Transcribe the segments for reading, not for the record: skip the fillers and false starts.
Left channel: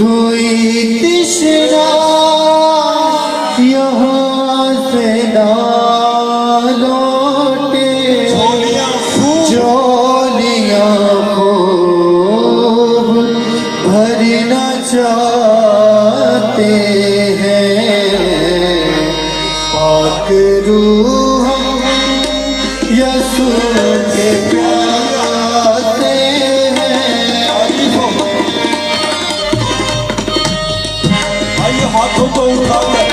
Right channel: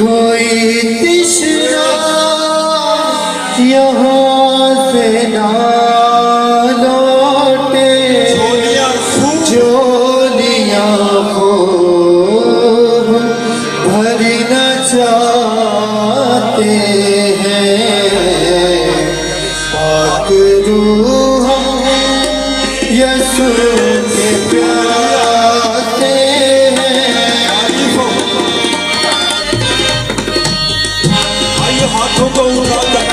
कोई तृष्णा यहाँ से ना लौटे, झोलियाँ खूब भरना चाहते हैं। पाक रूह यीशु के प्यासे हैं। हाथों को उठाकर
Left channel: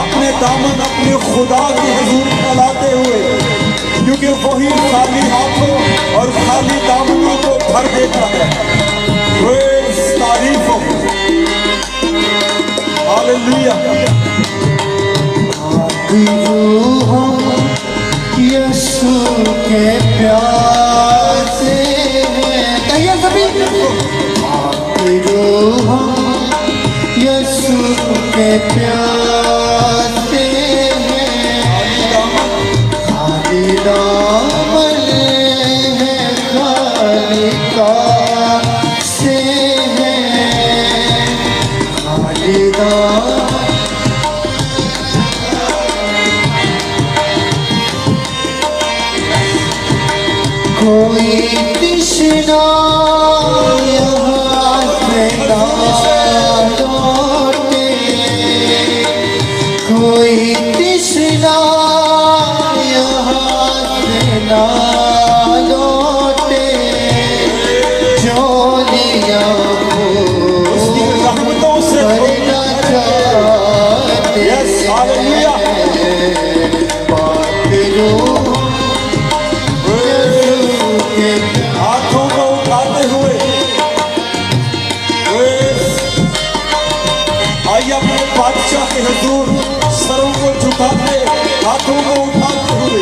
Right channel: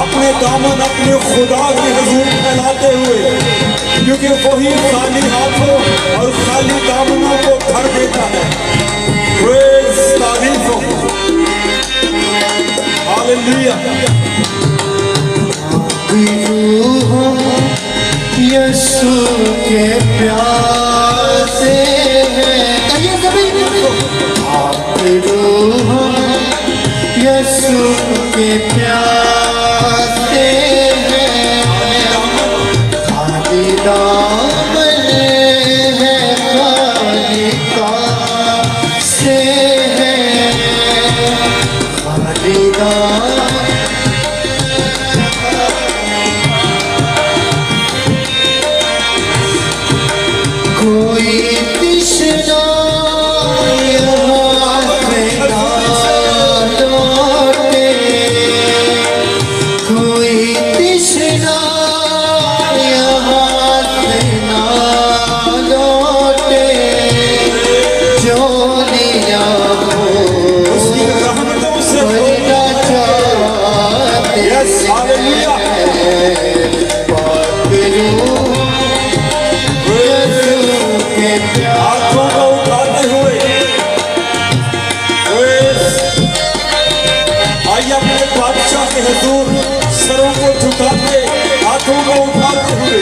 अपने दामन अपने खुदा के हुजूर फैलाते हुए, क्योंकि वही खाली हाथों और खाली दामनों को भर देता है। प्रेज़, तारीफ हो, हालेलुया। हम यीशु के प्यासे हैं। हम यीशु के प्यासे हैं। खाली दामन है, खाली कासे हैं। खाली दामन कोई तृष्णा यहाँ से ना लौटे, कोई तृष्णा यहाँ से ना लौटे, झोलियाँ उसकी रहमतों से भरना चाहते हालेलुया। हैं। पाक रूह के प्यासे हाथों को उठाते हुए, प्रेज़, आइए अपने बादशाह के हुजूर सरों को झुकाते, हाथों को उठाते हुए,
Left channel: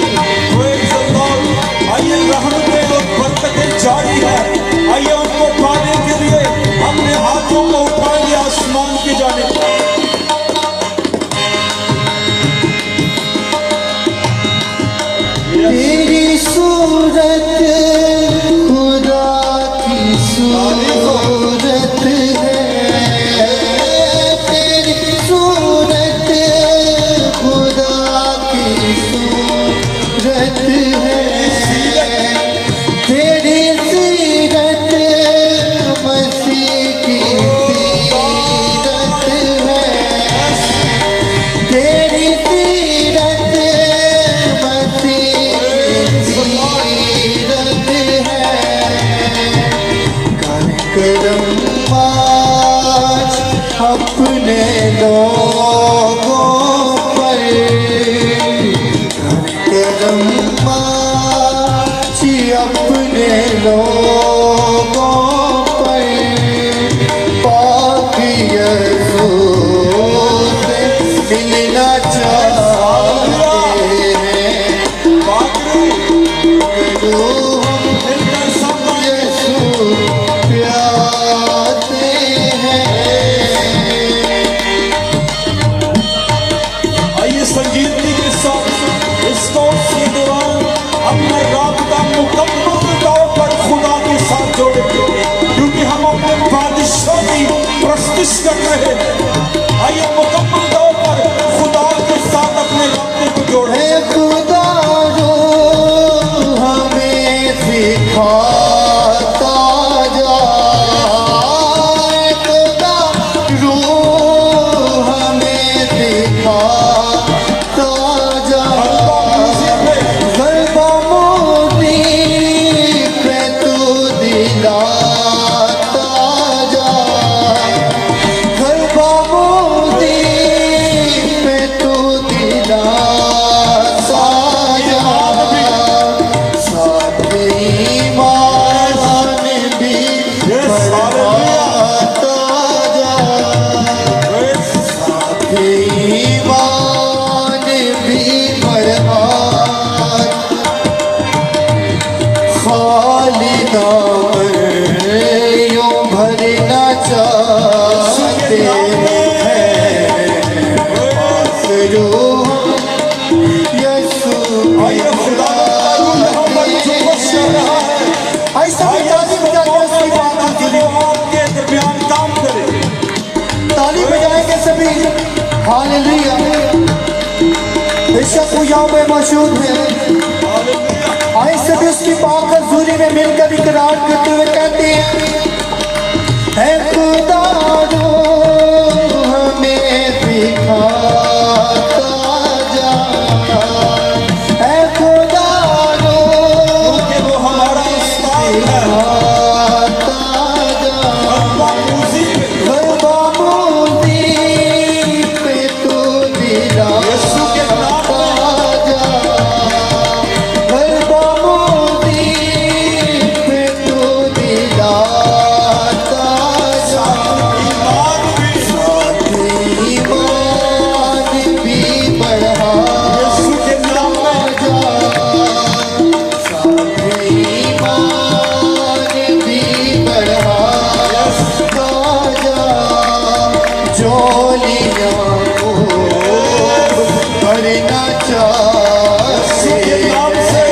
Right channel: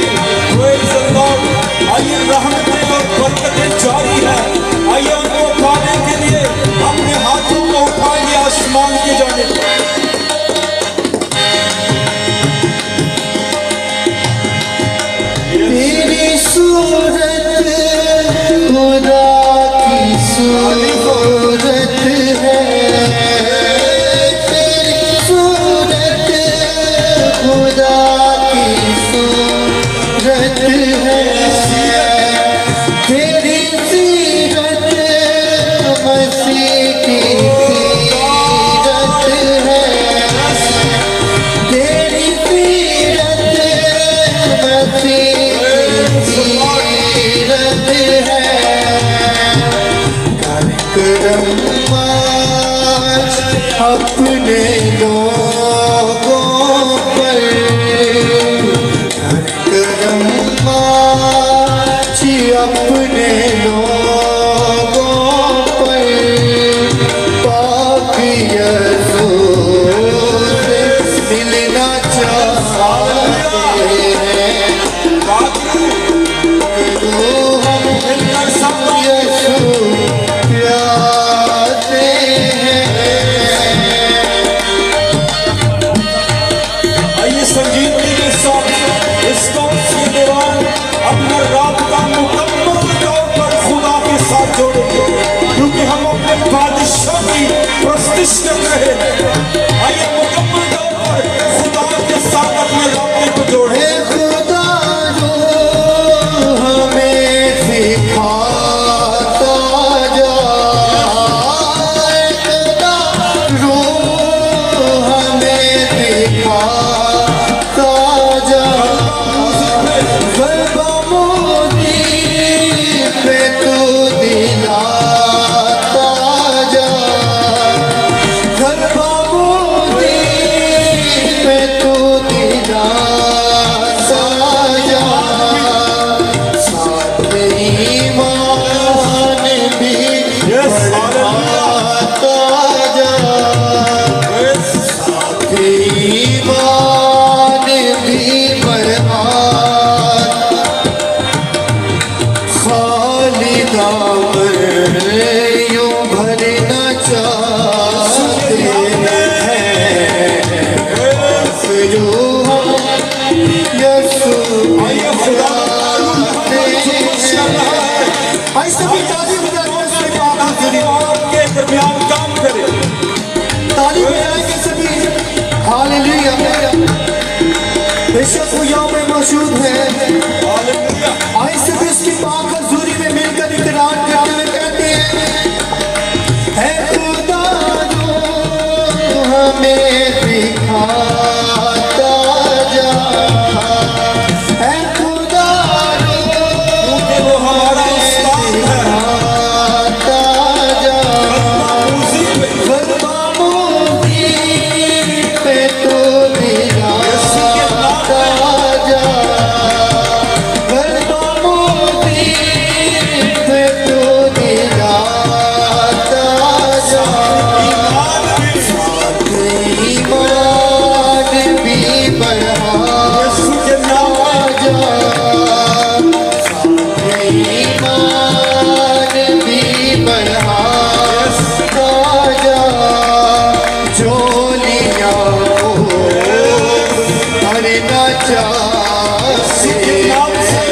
प्रेज़ द लॉर्ड। आइए रहमतें और बरकतें जारी है। आइए उनको पाने के लिए अपने हाथों को उठाएंगे आसमान की जानिब। तेरी सूरत खुदा की सूरत है। तेरी सूरत खुदा की सूरत है। तेरी सीरत मसीह की सीरत है। तेरी सीरत मसीह की सीरत है। मौजूद है। आए सब इसकी पाक हजूरी में मिलकर इकरार करते हुए कहते हैं, है खुदा रो हमें दिखाता जा, है खुदा रो हमारा उस्ताद है दिखाता जा। गलबामुदी पे तू दिलाता जा, गलबामुदी पे तू दिलाता जा। ईमान भी बढ़ा यीशु के नाम में जा, ईमान भी बढ़ा जा। झोलियां भरना चाहते नाम से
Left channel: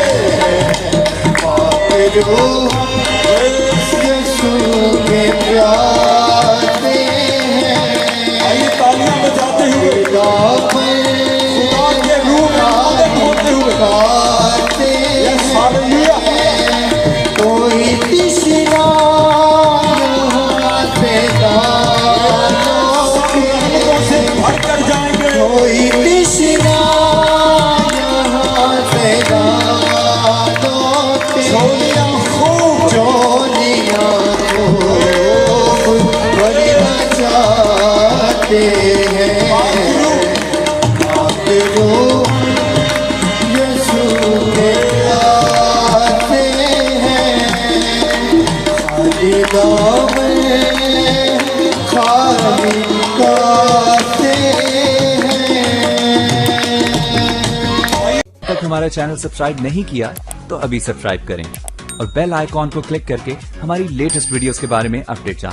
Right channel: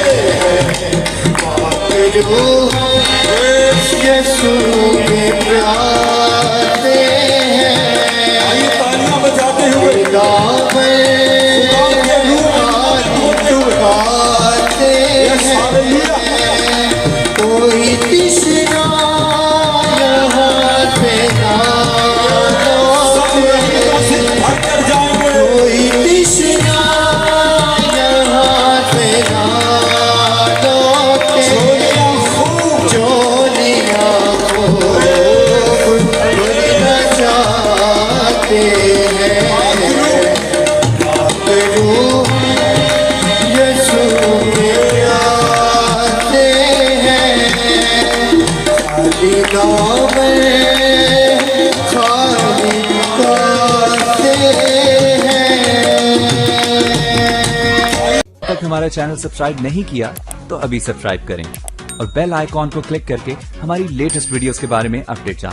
पागल हम यीशु के प्यारे हैं। आइए तालियां बजाते हुए दामन के रूप में होते हुए गाते हालेलुया कोई तिश्ना यहाँ से ना रहमतों से भरकर जाएंगे कोई तिश्ना यहाँ से ना लौटे। झोलियां खूब झोलियां भरना चाहते हैं। पागलू यीशु के प्यारे हैं। खाली दामन खाली गाते हैं। तक हमारा चैनल सब्सक्राइब नहीं किया तो अभी सब्सक्राइब करें और बेल आइकॉन को क्लिक करके हमारी लेटेस्ट वीडियोस के बारे में अपडेट जानें।